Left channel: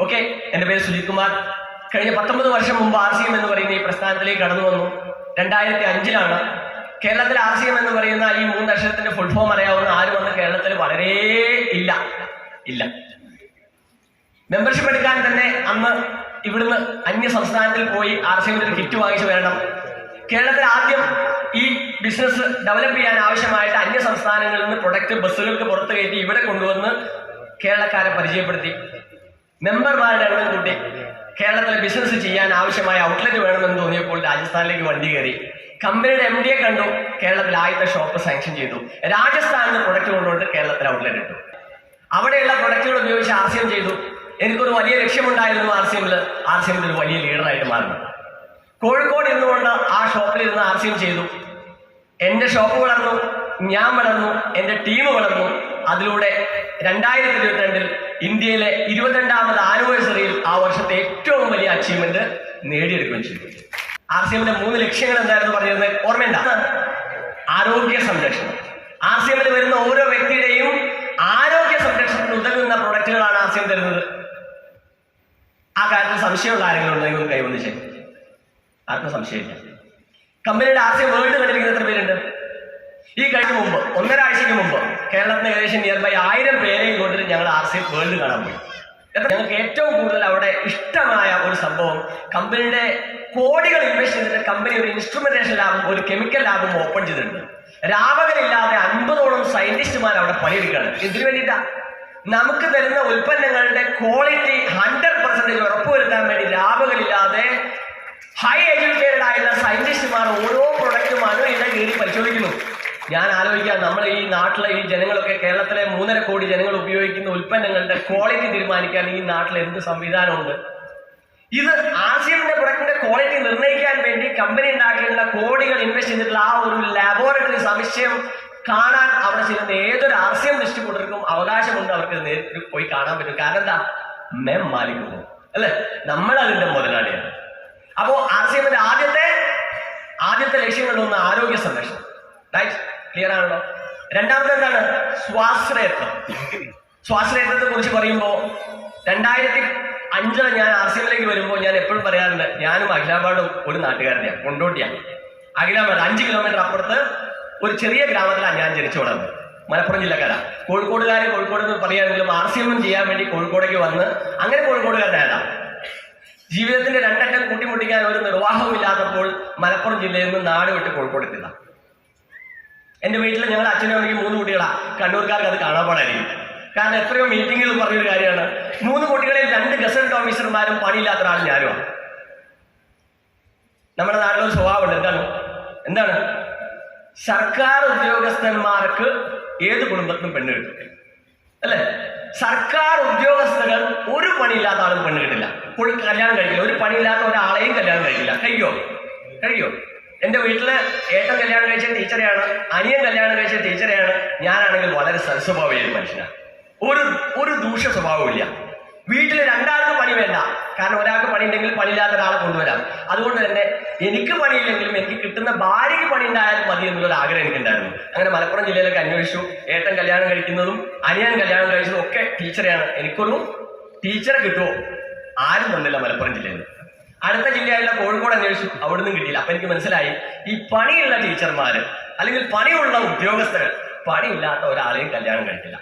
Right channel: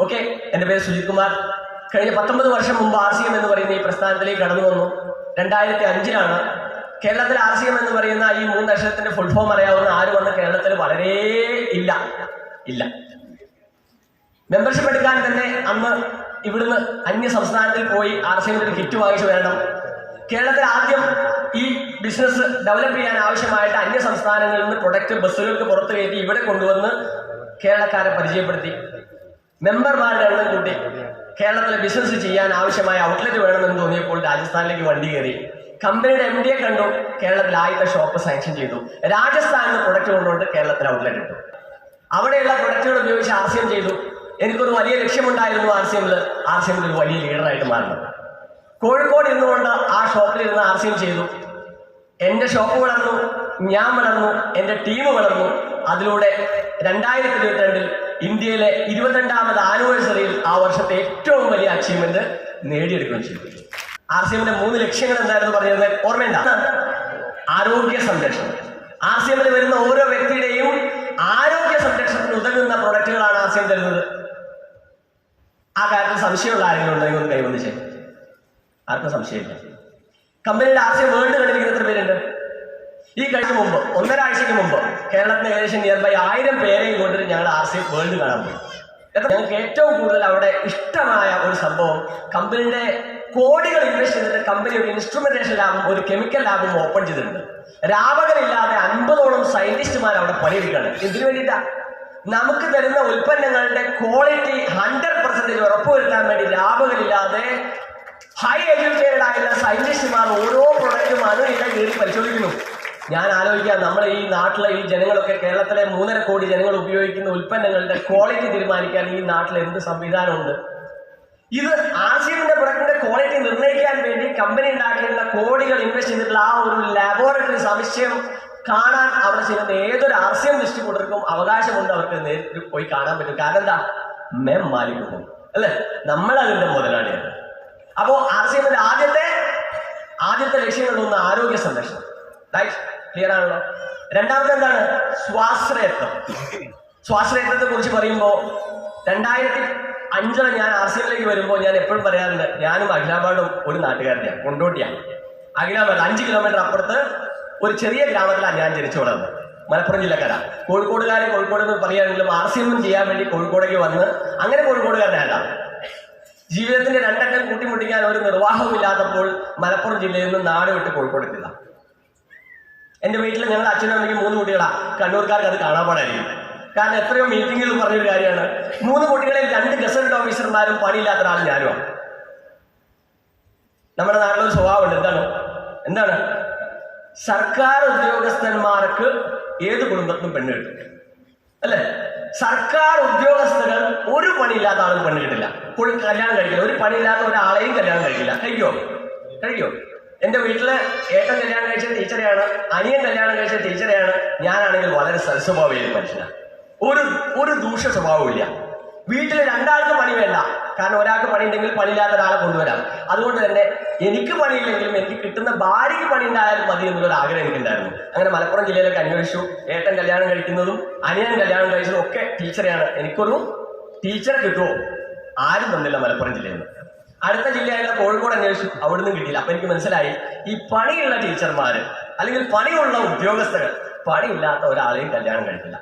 Okay എന്റെ പേര് സുജിത് കുമാർ കഴിഞ്ഞ പത്തൊമ്പത് വർഷം മുമ്പ് ആർ സി എം എന്ന് പറയുന്ന ഈ പ്രസ്ഥാനത്തിലേക്ക് കടന്നു വന്നു. രണ്ടായിരത്തി അഞ്ചിലാണ് കേരളത്തിൽ ആർ സി എം എന്ന് പറയുന്ന ഈ മൂന്ന് അക്ഷരത്തിന്റെ ഫുൾ ഫോം അറിയാവുന്ന ആരും വന്ന് കേരളത്തിൽ വളരെ ഇല്ല. ഇല്ല. മെമ്പർഷിപ്പ് എടുക്കാൻ തന്നെ അന്ന് ഇവിടുന്ന് അന്യ സംസ്ഥാനത്തിൽ പോയി ആർ സി എമ്മിന്റെ ഒരു കിറ്റ് വാങ്ങിച്ചു വരണം. കേരളത്തിൽ ആദ്യം ഈ ബിസിനസ് ഡെവലപ്പ് ചെയ്യാൻ ആവശ്യമായിട്ട് അന്യ സംസ്ഥാനങ്ങളിൽ നിന്ന് പ്രൊഡക്റ്റ് ബസ്സുകൾക്ക് പുറത്തു കയറ്റി ഇവിടെ കൊണ്ടുവന്ന് കേരളക്കാരെ പരിചയപ്പെടുത്തി. മെമ്പർമാരുടെ എണ്ണം കൂട്ടി കേരളത്തിൽ ബിസിനസ് ചെയ്യാൻ ആവശ്യമായ ഔട്ട്ലെറ്റ് വേണമെന്ന് തോന്നിയപ്പോൾ രാജസ്ഥാനിലേക്ക് വണ്ടി കയറി. കമ്പനിയുടെ എം ഡിയെ കണ്ടു. കേരളത്തിൽ ആദ്യത്തെ ഷോപ്പ് സാങ്ഷൻ ചെയ്തു. രാജസ്ഥാനിൽ പ്രൊഡക്റ്റ് കൊണ്ടുകൊണ്ട് കേരളത്തിൽ ഔട്ട്ലെറ്റ് ഇട്ടു. അവിടെയുള്ള പ്രൊഡക്റ്റുകൾ ഉപയോഗിച്ച് ആർ സി എം ചെയ്തു. എനിക്കൊരു വലിയ ലക്ഷ്യമുണ്ടായിരുന്നു ആർ സി എമ്മിൽ ആർ സി എമ്മിൽ ഒരു വലിയ ലീഡറായിട്ട് മാറുന്നത് കോഴിക്കോട് ഇരുന്നുകൊണ്ട് ആ ഷോപ്പിൽ ഇരുന്ന് ആർ സി എം ചെയ്തു. എന്റെ ഷോപ്പ് വളർന്നു. ഞാൻ വളർന്നു. എന്റെ ടീം വളർന്നു. അതിലൂടെ രണ്ടായിരത്തി ഇരുപത്തിരണ്ടിൽ ഇന്ത്യയിലെ ഇരുപത്തിരണ്ടാമത് ആനിവേഴ്സറിയിൽ ആ വർഷത്തെ ഏറ്റവും വലിയ അച്ചീവ്മെന്റ് നേടിയെടുക്കുകയും ചെയ്തു. ആർ സി എമ്മിന്റെ മൂന്ന് ലക്ഷ്യങ്ങൾ എന്തായിരുന്നു പറഞ്ഞിരുന്നത് ഓർമ്മയുണ്ട? ആരോഗ്യ സംരക്ഷണം. ആർ സി എമ്മിൽ വരുന്ന ഓരോ വ്യക്തിയുടെയും ആരോഗ്യ സംരക്ഷണത്തിന് ഉതകുന്ന പ്രൊഡക്റ്റുകളാണ് ആർ സി എം തരുന്നത്. ആ കാര്യത്തിൽ സംശയമുള്ള ആരെങ്കിലും ഉണ്ടെങ്കിൽ ഒന്ന് കൈവന്നിച്ചേ ആർക്കും സംശയമില്ല. കമ്പനിയുടെ ആർ സി എം വേൾഡ് കണ്ടിരിക്കുന്ന എത്ര പേരുണ്ട്. ഈ കഴിഞ്ഞ മുമ്പ് ഒന്നര ആഴ്ചയ്ക്ക് മുമ്പ് കേരളത്തിന് ഏകദേശം നിയർ ബൈ ആയിരം പേരെയും കൊണ്ടിട്ട് ഞങ്ങൾ ആർ സി വേൾഡ് കാണാൻ പോയി. ഞങ്ങൾക്ക് ഏറ്റവും കൂടുതൽ അവിടെ ഇഷ്ടമായ ഒരു സംഭവം കമ്പനിയുടെ കോടികൾ ഇൻവെസ്റ്റ് ചെയ്തിട്ട് കമ്പനി ഒരു ഇൻസ്ട്രുമെന്റേഷൻ ലാബും ഒരു കെമിക്കൽ ലാബും ഓപ്പൺ ചെയ്തിട്ടുണ്ട്. രാപകലില്ലാതെ അൻപതോളം സയന്റിസ്റ്റുമാർ അവിടെ പണിയെടുക്കുകയാണ്. ഇതിനു വേണ്ടിയിട്ടാ നമുക്ക് തരുന്ന ഉൽപ്പന്നങ്ങളുടെ ക്വാളിറ്റി ഹൺഡ്രഡ് പെർസെന്റേജ് ഉറപ്പുവരുത്താൻ വേണ്ടി ലാഭകളില്ലാതെ ഹൈ എഡ്യൂക്കേറ്റഡ് ആയിട്ടുള്ള സയന്റിസ്റ്റുമാർ ഓരോ പ്രൊഡക്റ്റും അനുയിട കയറി പരിശോധിക്കുന്നു. ഞാൻ ആലോചിക്കാം നമ്മൾ ഈ നാട്ടിലെ ഈ ജനങ്ങളൊക്കെ കേരളത്തിലെ മൂന്നര കോടി ജനങ്ങൾ ഉപയോഗിക്കുന്ന ഉൽപ്പന്നങ്ങളുടെ ക്വാളിറ്റി തീരുമാനിക്കാൻ ഈ നാട്ടിൽ എന്ത് സംവിധാനമുണ്ട്? ഇത് ആശയത്തിന്റെ പ്രൊഡക്റ്റിന്റെ ക്വാളിറ്റി നിർണയിക്കാൻ വേണ്ടി കമ്പനി ഉണ്ടാക്കിയിട്ടുള്ള കോടികൾ ഇൻവെസ്റ്റ് ചെയ്തിട്ടുള്ള ആ ഒരു ലാബോറട്ടറി സംശയം കാണാൻ അവിടെ ചെയ്യുന്ന ഏതൊരു ആർ സി അവകാശമുണ്ട് അവർക്ക് നേരിട്ട് പോയി കാണാൻ പറ്റും. കാരണം എന്താ? മെം മാലിക്കുന്നു അല്ലെ? നമ്മൾ അതിന്റെ മുതലാളിയാണ്. അപ്പോ ആർ ആദ്യത്തെ ആദ്യത്തെ ലക്ഷ്യങ്ങളിലൊന്ന് ആരോഗ്യ സംരക്ഷണം. റൈറ്റ് ക്ലിയർ ആണല്ലോ? രണ്ടാമത്തെ എന്താണ്? സ്വാശ്രയത്വം. സ്വാശ്രയത്വത്തെ കുറിച്ച് പറയുമ്പോൾ രണ്ടായിരത്തി അഞ്ചിൽ ഞാൻ ആർ സി എമ്മിലേക്ക് വരുമ്പോൾ ഞാൻ എപ്പോഴും പറയാറുണ്ട് ഞാനും അഖിലാബാദും ഒരു നാട്ടുകാരനെയാണ് കൊണ്ടോട്ടിയാണ് അഖിലാബാദ് അഞ്ച് കിലോമീറ്റർ അപ്പുറത്ത് ഒരു ചെറിയ ഗ്രാമത്തിലാണ് ഞാൻ ജനിച്ചു വളർന്നത്. മലപ്പുറം ജില്ലക്കാര കോഴിക്കോടുകാരെ കോഴിക്കോട് എന്ന് പറയുകയാണെങ്കിലും ആർ സി എമ്മും ചെയ്യാൻ വേണ്ടി കോഴിക്കോടേക്ക് വന്ന് അങ്ങനെ കോഴിക്കോടുകാരനല്ല ജീവിതത്തിന്റെ രണ്ടറ്റം കൂട്ടിമുട്ടിക്കാൻ ഒരു നിർവാഹവും ഇല്ലാത്തപ്പോൾ മലപ്പുറം ജില്ലയിൽ നിന്ന് നാട് വിട്ട് കോഴിക്കോട് എത്തിയതാണ് എന്റെ വീട്ടിൽ ഞങ്ങൾ അച്ഛനും അമ്മയ്ക്ക് മൂന്ന് കുട്ടികളാ. കണ്ണൂർക്കാർക്ക് അത് കാണാൻ പാടായിരിക്കും. കാരണം എത്രയോ മീറ്റിംഗിൽ പറഞ്ഞൊരു കാര്യമാണ്. മൂന്ന് കുട്ടികളിൽ രണ്ട് ഗസറ്റ് ഓഫീസർമാരും പണിയില്ലാത്ത ഒരാൾ ഞാനുമാണ് നമ്മുടെ നാട്ടിലൊരു സ്വഭാവമുണ്ട്. എന്താണ്? എന്താണ്? സർക്കാർ ഉദ്യോഗസ്ഥന്മാർക്ക് ഏത് കുടുംബത്തിനും പെണ്ണ് കിട്ടും. അല്ലേ? സർക്കാർ ഉദ്യോഗസ്ഥകൾ ഒരു പണിയില്ലാത്ത ആളും പെണ്ണ് കിട്ടില്ല. കല്യാണം കഴിക്കില്ല. ഒരു പണിയില്ലാത്ത ഒരാളെയും കല്യാണം കഴിക്കില്ല. കഴിക്കോ? കഴിക്കോ? എന്റെ വീട്ടിൽ ഏട്ടൻ കല്യാണം കഴിച്ച ടീച്ചറെയാണ് അനിയൻ കല്യാണം കഴിച്ച ടീച്ചറെയാണ് ഞാനാണെങ്കിൽ വളരെ സൽസ്വഭാവിയായ ഒരു മനുഷ്യനാണ് ഒരു ഒരു ദൂഷ്യ സ്വഭാവമില്ല വീട്ടിൽ രണ്ടാൾക്ക് പണി വേണ്ട. കാരണം ഒരാൾക്ക് പണി ഉണ്ടെങ്കിൽ പണിയില്ലാത്ത ഒരാളെ കൊണ്ടുവരാം. അതുകൊണ്ട് തന്നെ എനിക്ക് പണിയില്ലെങ്കിലും എനിക്ക് കിട്ടുന്ന ഭാര്യയ്ക്ക് പണി ഉണ്ടായാലും മതി എന്നുള്ളൊരു ആഗ്രഹം എനിക്കുണ്ടായിരുന്നു അങ്ങനെ മലപ്പുറം ജില്ലയിലൊക്കെ അന്വേഷിച്ചു. ഏട്ടൻ കല്യാണം കഴിക്കുന്നതും അനിയൻ കല്യാണം കഴിച്ചതും ഒക്കെ ടീച്ചറെയാണ്. എനിക്കൊരു ടീച്ചറെ കിട്ടുമോ ആരും തന്നില്ല മലപ്പുറം ജില്ലയിൽ നിന്ന്. അടുത്ത ജില്ലയായിട്ടുള്ള കോഴിക്കോട് അന്വേഷിച്ചു. അവിടുന്ന് കിട്ടിയില്ല. അപ്പൊ എനിക്ക് മനസ്സിലായി ഈ പണിയുള്ള ടീച്ചർമാര് അല്ലെങ്കിൽ പണിയുള്ള ഉദ്യോഗസ്ഥർ പണിയില്ലാത്ത ഒരാളെയും കല്യാണം കഴിക്കില്ല.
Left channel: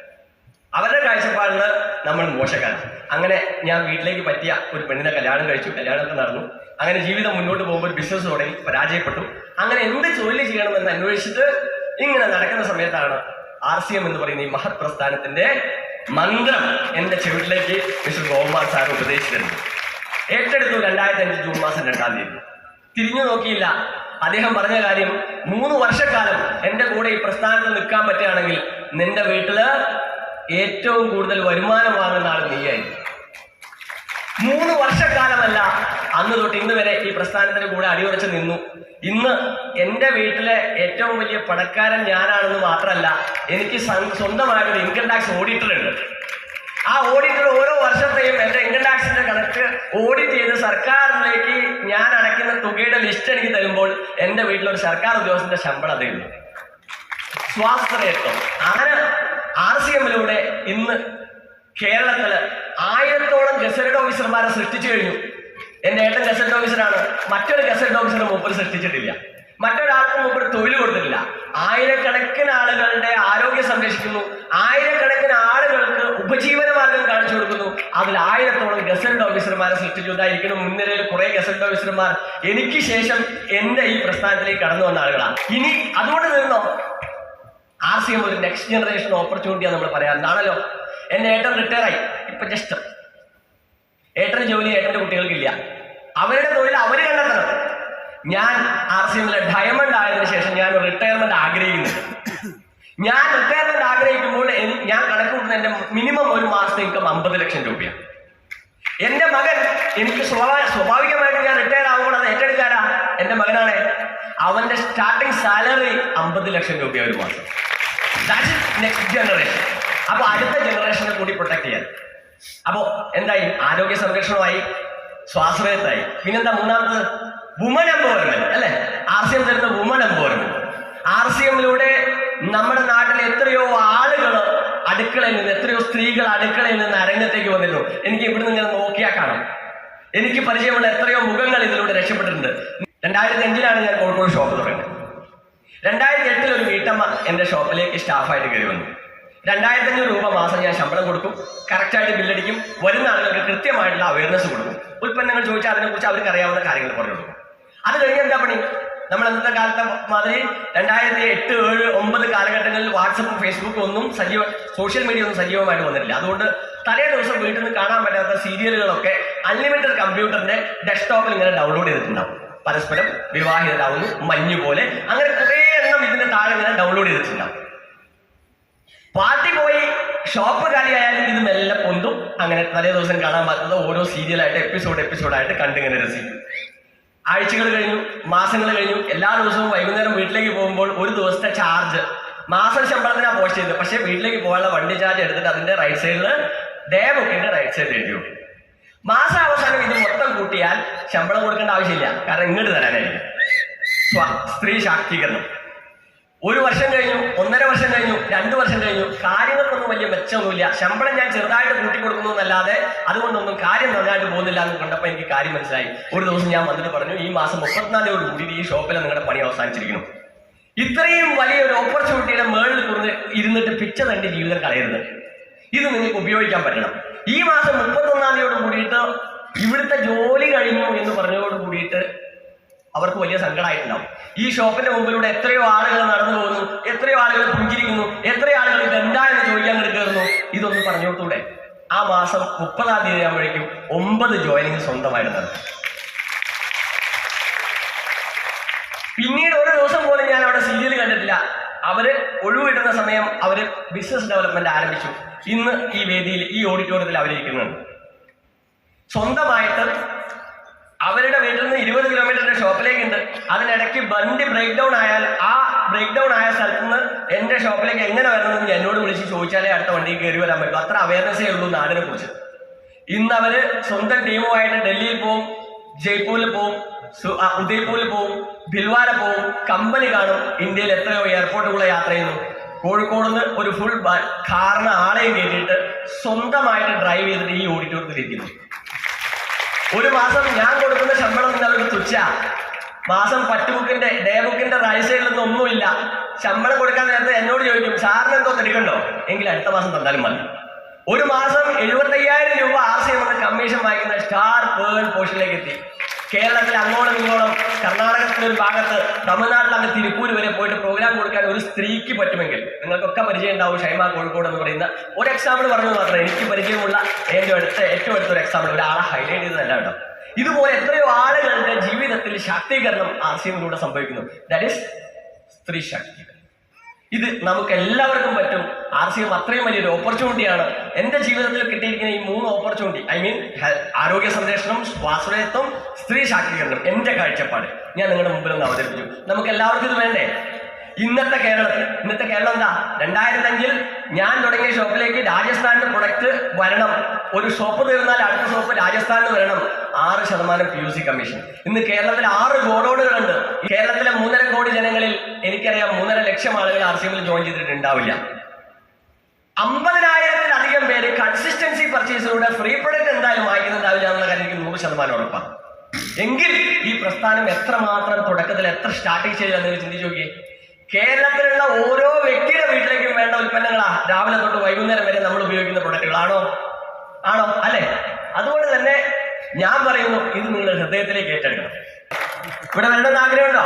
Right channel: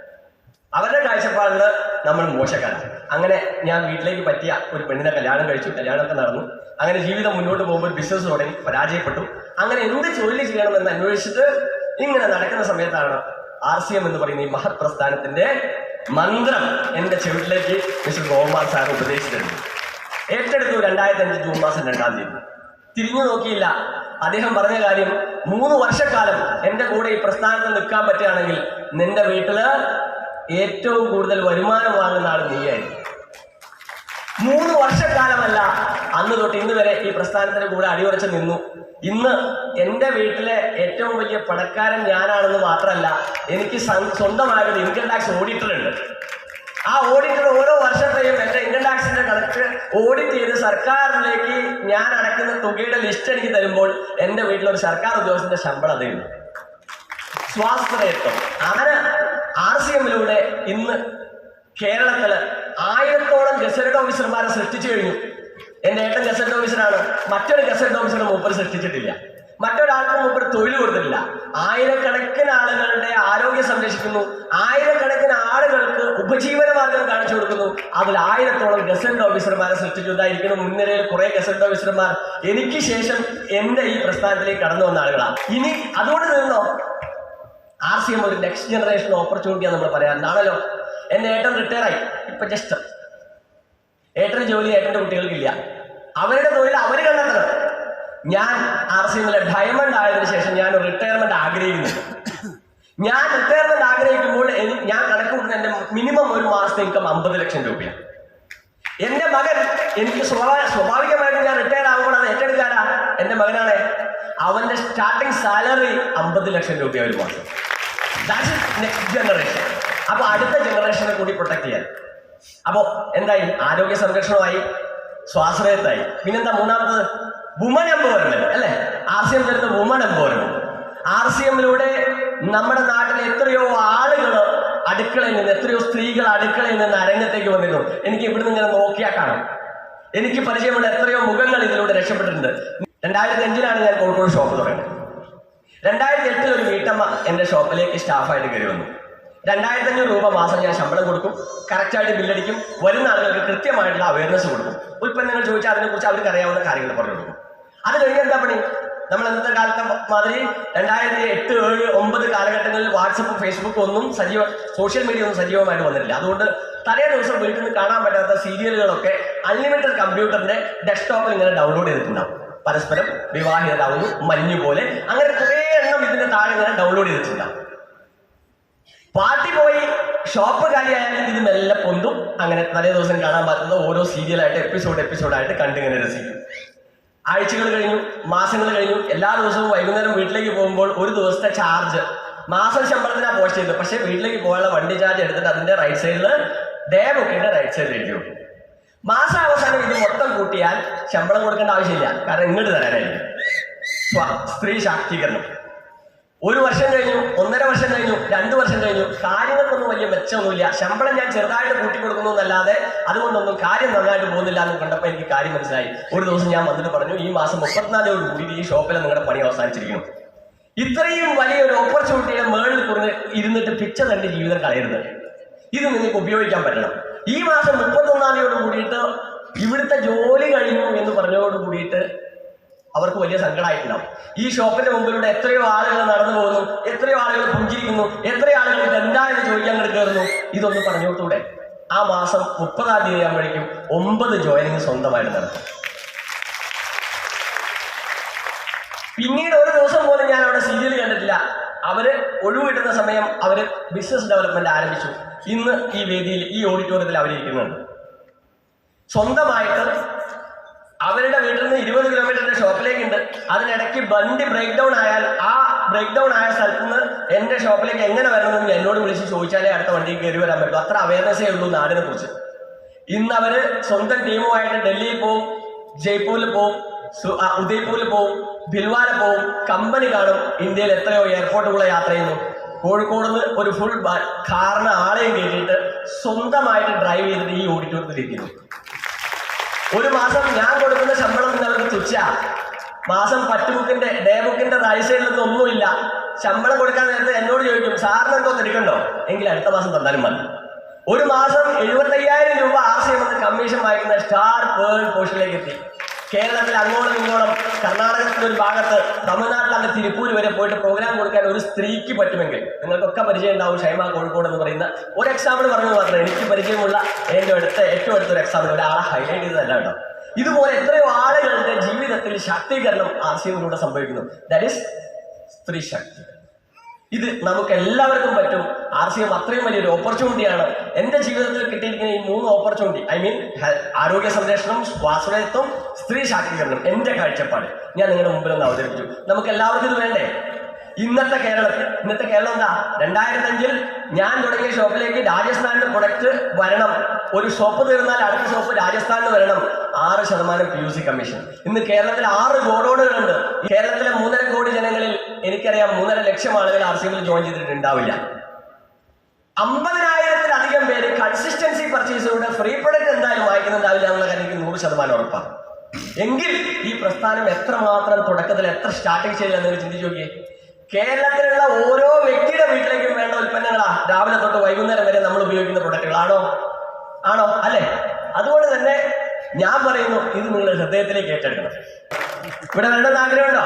അവരുടെ കാഴ്ചപ്പാടിൽ നമ്മൾ മോശക്കാരാണ്. അങ്ങനെ ഞാൻ വീട്ടിലേക്ക് പറ്റിയ ഒരു പെണ്ണിനെ കല്യാണം കഴിച്ചു കല്യാണമൊക്കെ നടന്നു. അങ്ങനെ ജീവിതം മുന്നോട്ട് പോകുമ്പോൾ ബിസിനസ് തുടങ്ങി പരാജയപ്പെട്ടു. അങ്ങനെ എന്ത് ജോലി ചെയ്യണമെന്ന് അന്വേഷിച്ചിട്ട് ഇങ്ങനെ നടക്കുന്ന സമയത്താണ് ആർ സി എം എന്ന് പറയുന്ന ഈ മഹത് പ്രസ്ഥാനത്തിന്റെ മന്ത്രം എന്റെ ചെവിട്ടിലേക്ക് മിസ്റ്റർ ഗോപാൽ സാർ ഉപദേശിച്ചിട്ടുണ്ട് ഏറ്റെടുത്തു രണ്ടായിരത്തി അഞ്ച് ജൂൺ മാസം രണ്ടാം തീയതി. തിരിഞ്ഞു നോക്കിയില്ല. അദ്ദേഹം പറഞ്ഞ കാര്യം മൂന്ന് വർഷക്കാലം എന്റെ കൂടെ ഈ പ്രസ്ഥാനത്തിൽ നിൽക്കാൻ പറ്റുകയാണെങ്കിൽ നിന്റെ വീട്ടിൽ ഏറ്റവും കൂടുതൽ വരുമാനം വാങ്ങുന്ന ആൾ നീയായിരിക്കും. മൂന്ന് വർഷക്കാലമല്ല അന്ന് തൊട്ട് ഇന്ന് വരെ ഈ പ്രസ്ഥാനത്തിന് കൂടെ അടിയുറച്ച് നിന്നു. ഇന്ന് എന്റെ വീട്ടിലെ ഏറ്റവും വലിയ പണക്കാരൻ ഞാനാണെന്ന് മാത്രമല്ല എനിക്ക് സ്വ- സ്വന്തമായിട്ടൊരു ഇൻകം ടാക്സ് ഓഡിറ്റർ ഉണ്ട്. ആ ഓഡിറ്റർ ഓരോ വർഷത്തെയും എന്റെ ഇൻകം ടാക്സിന്റെ കണക്ക് ഓഡിറ്റ് ചെയ്ത് സർക്കാരിലേക്ക് ഞാൻ അടയ്ക്കുന്ന തുകയുടെ ലിസ്റ്റ് എനിക്ക് തരുമ്പോൾ എന്റെ വീട്ടിലൊരു സർക്കാർ ഉദ്യോഗസ്ഥന്റെ ശമ്പളം അതേയുള്ളൂ സ്വാശ്രയത്വം അങ്ങനെ ആർ സി എമ്മിലൂടെ ഇന്ന് കേരളത്തിൽ ആയിരത്തോളം ഗസറ്റഡ് ഓഫീസർമാരെ സൃഷ്ടിച്ചു കഴിഞ്ഞു. എന്റെ ഏട്ടൻ ഗസറ്റഡ് ഓഫീസറാണ്. മറ്റൊരു ഗസറ്റഡ് ഓഫീസർ മൂപ്പർ സൃഷ്ടിച്ചിട്ടില്ല. മറ്റൊരാൾക്കും മൂപ്പർ തൊഴിൽ കൊടുത്തിട്ടില്ല. ആയിരക്കണക്കിന് ആളുകളുടെ ആരോഗ്യം സംരക്ഷിക്കുന്നു. ആയിരക്കണക്കിന് ആളുകൾക്ക് ഉപജീവന മാർഗം കാണിച്ചു കൊടുക്കുന്നു അതിൽ ആയിരത്തോളം ഗസൻഡ് ഓഫീസർമാരെ സൃഷ്ടിച്ചു. ഇതായിരിക്കണം മുൻനിരയിൽ കുറെ ഗസൻഡ് ഓഫീസർമാർ എനിക്ക് ശേഷം എന്റെ ഈ പ്രസ്ഥാനത്തിലേക്ക് കടന്നു വന്ന ആളുകളാണ്. ഇനി അതുകൊണ്ട് നിന്നോ? ആർ സി എം ഒരു നെക്സ്റ്റ് ജനറേഷൻ ഓപ്പർച്യൂണിറ്റിയാണ് നമ്മൾ പറയാറുണ്ടാണല്ലോ എന്റെ ഏട്ടൻ റിട്ടയർ ആയി. ഇപ്പൊ ജസ്റ്റ് ഏട്ടന് ജോലി ഏട്ടന്റെ കുട്ടികൾക്കില്ല അവരുടെ തൊഴിൽ അവർ കണ്ടെത്തണം. ഞാൻ ആർ സി എമ്മിലെ ഡയമണ്ട് ആയതിനു ശേഷം ഞാൻ റിട്ടയർമെന്റ് ആഗ്രഹിക്കുന്നുണ്ട് ഞാൻ റിട്ടയർമെന്റ് ആഗ്രഹിക്കുമ്പോൾ ഞാൻ കണക്ക് കൂട്ടുന്ന എന്റെ മിനിമം ഒരു മാസത്തെ ഇൻകം അമ്പത് ലക്ഷം രൂപയാണ്. എന്റെ മകൻ എനിക്ക് സ്വാഭാവികമായിട്ട് ഞാൻ റിട്ടയർ ആകുമ്പോൾ അത് ഏറ്റെടുക്കാരാ എന്റെ മകനാണ്. അവന്റെ സ്റ്റാർട്ടിംഗ് സാലറി അമ്പത് ലക്ഷം രൂപ ഒരു മാസം. ദാറ്റ്സ് നെക്സ്റ്റ് ജനറേഷൻ അപ്പൊ അടുത്ത ജനറേഷനെ കൂടി പ്രൊട്ടക്ട് ചെയ്യാൻ. അപ്പോ എന്തായി? ആരോഗ്യ സംരക്ഷണമായി സ്വാശ്രയത്തായി. പിന്നെന്താ മൂന്നാമത് വുമൻ എംപവർമെന്റ് അല്ലെ? ആർ സി എം തരുന്ന വുമൺ എംപവർമെന്റ് ആർ സി എമ്മിലൂടെ നമ്മുടെ നാട്ടിൽ എത്രയോ ആളുകൾ അടുക്കളയിൽ നിന്ന് എത്രയോ സ്ത്രീകൾ അടുക്കളയിൽ നിന്ന് അരങ്ങത്തേക്ക് വന്നിരുന്നു. എനിക്ക് ഇവിടുന്ന് ഇങ്ങനെ നോക്കിയാൽ കാണാം. എനിക്ക് പരിചയമുള്ള എത്രയോ മുഖങ്ങൾ ഇതിലൂടെ രക്ഷപ്പെട്ടിട്ടുണ്ട്. രണ്ടായിരത്തി അഞ്ചിലാണ് ഞാൻ കോഴിക്കോട് ഷോപ്പ് തുടങ്ങിയത്. രണ്ടായിരത്തി എട്ടിൽ ഒരു വീട്ടമ്മ എന്റെ ഷോപ്പിലേക്ക് സ്റ്റാഫായിട്ട് കയറി വന്നു. രണ്ടായിരത്തി അഞ്ഞൂറ് രൂപ മാസം ഞാൻ ശമ്പളം കൊടുക്കും. കറക്റ്റായിട്ട് ബില്ലടിക്കും. വരുന്ന ആളുകൾക്ക് കൃത്യമായിട്ടുള്ള അവയർനെസ് കൊടുക്കും. ഉൽപ്പന്നങ്ങൾ ചോദിച്ചാൽ അതിനെക്കുറിച്ച് അവർക്ക് അറിയാവുന്ന കാര്യങ്ങൾ പറഞ്ഞു കൊടുക്കും. അത് കഴിഞ്ഞ് എന്താ പണി? നമ്മൾ അന്നത്തെ കാലത്തെ മാതിരി രണ്ടായിരത്തി എട്ട് ഏഴ് ഒമ്പത് കാലഘട്ടങ്ങളിൽ വാട്സപ്പും ഫേസ്ബുക്കും ഒന്നും സജീവ സോഷ്യൽ മീഡിയ ഒന്നും സജീവമായിട്ട് വന്നിട്ടില്ല. അതുകൊണ്ട് തലേ ദിവസം വീട്ടിൽ നിന്ന് കാണാൻ പറ്റാത്ത സീരിയലുകളൊക്കെ അൺലിമിറ്റഡ് കമ്പ്യൂട്ടറിന്റെ ഡെസ്ക്ടോപ്പിൽ ഇങ്ങനെ ഡൗൺലോഡ് ചെയ്തിട്ടുണ്ടാവും. പരസ്പരം വിവാഹിതരാകുന്നു മഞ്ഞു പോലെ അങ്ങനെ കുറേ എണ്ണം ഇതിന്റെ താഴെ ഇങ്ങനെ ഡൗൺലോഡ് ചെയ്തിട്ടുണ്ടാവും. പാർട്ടി പോയി ഷോപ്പ് കാലിയായാലും ഇത് മെല്ലെ പൊന്തും. അങ്ങനെ തലേ ദിവസം കാണാൻ പറ്റുന്ന ഓരോ സീരിയലായിട്ട് എപ്പിസോഡ് എപ്പിസോഡായിട്ട് കണ്ടിങ്ങനെ രസിക്കും ആഴ്ചകൾ കഴിഞ്ഞു മാസങ്ങൾ കഴിഞ്ഞു എല്ലാ ദിവസവും വൈകുന്നേരം വീട്ടിലേക്ക് പോകുമ്പോൾ ഒരു ദിവസത്തെ ചാർജ് മാസം ശമ്പളത്തിനാ പോസ്റ്റ് ചെയ്തത്. പക്ഷേ വീട്ടിലേക്ക് പോകാനുള്ള വണ്ടി ചാർജ് എടുത്തിട്ട് അതിന്റെ റൈറ്റ് സൈഡിൽ ഡേ ബുക്കിന്റെ റൈറ്റ് സൈഡിൽ എഴുതി മാസം അവസാനം ഇത് മൊത്തം കൂട്ടിയാൽ ശമ്പളം കൊടുക്കേണ്ട ആവശ്യമില്ല. കാരണം ഇങ്ങോട്ട് തരാനായിരിക്കും. സ്ത്രീ ശാക്തീകരണം. ഒരു വർഷം കഴിഞ്ഞു ഒന്നര വർഷം കഴിഞ്ഞു രണ്ടു വർഷം കഴിഞ്ഞു. കാര്യങ്ങൾക്കൊന്നും വലിയ മെച്ചമൊന്നുമില്ല. ശമ്പളം ഞാൻ ചെറുതായിട്ട് കൂട്ടി കൊടുക്കുന്നു എന്നല്ലാതെ അതുകൊണ്ടൊന്നും കാര്യം നന്നായിട്ട് പോകുന്നില്ല എന്ന് കണ്ടപ്പോൾ എനിക്ക് കാര്യം മനസ്സിലായി. ഒരു ദിവസം ഞാൻ വന്നിട്ട് പറഞ്ഞു ഈ മാസം മുപ്പത്തിനാലോട് കൂടി ഈ ഷോപ്പിൽ നിങ്ങളുടെ പണി അവസാനിച്ചിരിക്കുന്നു. ഇത്രയും വലിയൊരു ഓപ്പർച്യൂണിറ്റിയുടെ മേളിൽ കുറഞ്ഞ് ഇരുന്നിട്ട് പിച്ച തന്റെ ജീവിതം കളയരുത്. ഇത് നിങ്ങൾക്ക് ഉപയോഗിക്കാൻ പറ്റണം. ഈ മാസം മുപ്പത്തൊന്നാം തീയതിയോട് കൂടിയിട്ട് ഇവിടുത്തെ ജോലി കഴിഞ്ഞു എന്ന് കൂടിയിട്ട് അവർക്ക് വലിയ സങ്കടമായിട്ടുണ്ടാവും. ഈ ഷോപ്പിന്റെ മുമ്പിലൂടെ എത്രയോ ആളുകൾ നടന്നു പോകുന്നു എത്രയോ ആളുകൾ പുഞ്ചിരിക്കുന്നു എത്രയോ ആളുകൾ ഇതെന്താ എന്ന് ചോദിക്കാൻ എടുക്കുന്നു ഇതൊന്ന് പറഞ്ഞു ആ മാസം മുപ്പതാം തീയതി ആകുമ്പോഴേക്കും ഒമ്പത് ജോയിനിങ് സ്വന്തമായിട്ട് നടത്തും പിന്നീട് ഒരു ദിവസം പോലും ഞാൻ അവിടെ സീരിയൽ കണ്ടിട്ടില്ല. അവർ ഒഴിവിടുന്ന സമയം അവർ ബിസിനസ് ഡെവലപ്മെന്റ് ആരംഭിച്ചു. ഇന്ന് ഈ വേദിയിൽ ഈ ഓഡിറ്റോറിയത്തിൽ അവരിയ്ക്കുന്നുണ്ട്. സ്വന്തമായിട്ട് അവരുടെ വീട്ടിൽ നിന്ന് ഇരുപത് കിലോമീറ്ററിന്റെ ഷോപ്പിലേക്ക് ഉണ്ട് അതിനിടയ്ക്ക് വണ്ടി ബ്രേക്ക് ഡൗൺ ആയാൽ ആ ബ്രേക്ക് ഡൗൺ ആയ സ്ഥലത്ത് നിന്ന് എന്റെ ഷോപ്പിലേക്ക് എങ്ങനെ വരണമെന്ന് എന്നോട് വിളിച്ച് ചോദിച്ചാലേ അടുത്ത വണ്ടി കയറി വരാൻ പറ്റും. അത്ര അവയർനെസ്സേ ഉള്ളൂ നാടിനെ കുറിച്ച്. ഇന്ന് അവർ സ്വന്തം ടീമുമായിട്ട് ഡൽഹിയിൽ പോവും ജയ്പൂരിൽ പോവും ഉദയ്പൂരിൽ പോവും ഭിൽവാര പോവും കമ്പനി കാണും ഇന്ത്യയിൽ എത്രയോ എയർപോർട്ടുകളെ യാത്ര ചെയ്യുന്നു. കോഴിക്കോട് നിന്ന് ഒരു ഫുൾ കാറിന് ആളെയും കയറ്റിയിട്ട് സ്വന്തമായിട്ട് ഡ്രൈവ് ചെയ്തിട്ട് ഈ ഓഡിറ്റോറിയത്തിൽ ഇരിക്കുന്നു. ഒരു മാസം ഞാൻ കൊടുക്കുന്ന ശമ്പളം നിങ്ങൾക്ക് തുച്ഛ. മാസം പറ്റ് ബുക്കിന്റെ ഡേ ബുക്കിന്റെ റൈറ്റ് സൈഡിലൊന്നും ഒന്നുമില്ല. ശമ്പളം കൊടുക്കാൻ നേരത്തെ എന്നോട് ചോദിക്കും സാറിന് എന്തോ തെടുക്കണ്ടോ എങ്കിൽ അടുത്ത മാസം തന്നാലും മതി. ഒരു മാസം എഴുപത്തയ്യായിരം രൂപ ആർ സി എം കമ്മീഷൻ വായിക്കുന്ന സ്റ്റാർ പേൾ പോസ്റ്റിലേക്ക് എത്തി. കേരളത്തിൽ അങ്ങോളം ഇങ്ങോളം കർണാടകത്തിന്റെ ഒരു ഭാഗത്ത് തമിഴ്നാട്ടിൽ അങ്ങ് തിരുപ്പൂർ വരെ പോയിട്ട് പ്രോഗ്രാം കൊടുക്കാൻ ഒരു സ്ത്രീക്ക് പറ്റുമെങ്കിൽ നിങ്ങൾക്കൊക്കെ പരിചയം ഉണ്ടാവും ഷൈമ കോഴിക്കോട് എന്ന് പറയുന്ന ഒരു എക്സാമ്പിൾ പറഞ്ഞു മാത്രമേ എനിക്ക് പരിചയമുള്ള എന്റെ അടുത്ത ഏറ്റവും അടുത്തൊരു എക്സാമ്പിൾ ഒരാളെ ഹൈലൈറ്റ് ചെയ്തതല്ല കേട്ടോ. ഇതുപോലെ എത്രയോ ആളുകളുടെ ജീവിതത്തിൽ ശാക്തീകരണം ആശയങ്ങളിലൂടെ സംഭവിക്കുന്നു. ദാറ്റ് ഈസ് സ്ത്രീ ശാക്തീകരണം. ഇത് നമുക്ക് എല്ലാവർക്കും പറ്റും. ആർ സി എം അത്രയും വലിയൊരു ഓപ്പർച്യൂണിറ്റിയാണ് എന്റെ ജീവിതത്തിൽ കിട്ടിയിരിക്കുന്ന ഈ മൂന്ന് ഓപ്പർച്യൂണിറ്റി ഐ മീൻ ആരോഗ്യ സംരക്ഷണം സ്വാശ്രയത്വം സ്ത്രീ ശാക്തീകരണം എന്റെ കാഴ്ചപ്പാട്. ഞാൻ നിങ്ങളുടെ മുമ്പിൽ ഒന്ന് അവതരിപ്പിച്ചു. നമുക്ക് എല്ലാവർക്കും ഇത് വേണ്ടേ? ഇന്നത്തെ കേരളത്തിൽ ഇന്നത്തെ കേരളം എന്താ? രണ്ടായിരത്തി അഞ്ചിൽ ഞാൻ തുടങ്ങിയ ഷോപ്പിലേക്ക് രാജസ്ഥാനിന്റെ പ്രൊഡക്റ്റ് വരണം. ഒരു ഷോപ്പ് തീർന്നാൽ അടുത്ത ഷോപ്പ് രാജസ്ഥാനിൽ വരണം. ആറ് ശതമാനം പി യു സി കമ്മീഷൻ ഇന്ന് കേരളത്തിൽ ആറ് ഗോഡോണുകളുണ്ട്. കേരളത്തിലെ മൂന്നര കോടി ജനങ്ങളിൽ എനിക്കറിയാം മൂന്നര ലക്ഷം ആളുകൾ ആർ സി എമ്മിൽ ജോയിൻ ചെയ്തിട്ടുണ്ടാവില്ല. അമ്പതിനായിരത്തിലധികം പേര് കൺസിസ്റ്റൻസി പർച്ചേസിലൂടെ ഫ്രീ പ്രൊഡക്റ്റ് എന്തായാലും വാങ്ങിക്കുന്നുണ്ടാവില്ല എന്നുള്ള കാര്യം എനിക്ക് നൂറ് ശതമാനം ഉറപ്പാണ് എങ്കിൽ ഈ പ്രസ്ഥാനം എത്രമാത്രം തുടക്കത്തിൽ എത്ര സ്റ്റാർട്ടിങ് സ്റ്റേജിൽ എന്ന് ചിന്തിച്ചു നോക്കിയേ. കേരളത്തിലുള്ള ഓരോ വ്യക്തിയുടെ വീട്ടിലേക്കും വേണ്ട ഉൽപ്പന്നങ്ങളാ. രാവിലെ തൊട്ട് വൈകുന്നേരം വരെ നമ്മൾ ഉപയോഗിക്കുന്ന പ്രൊഡക്റ്റുകളാണോ ആണോ? അല്ലെ? അതുകൊണ്ട് തന്നെ ഞാൻ പറയുന്നു ഇത് നിങ്ങൾ ഹൃദയത്തിലേക്ക് ഏറ്റെടുക്കണം. ഇവിടെ വേണ്ടെന്ന് ആഗ്രഹമുണ്ടോ?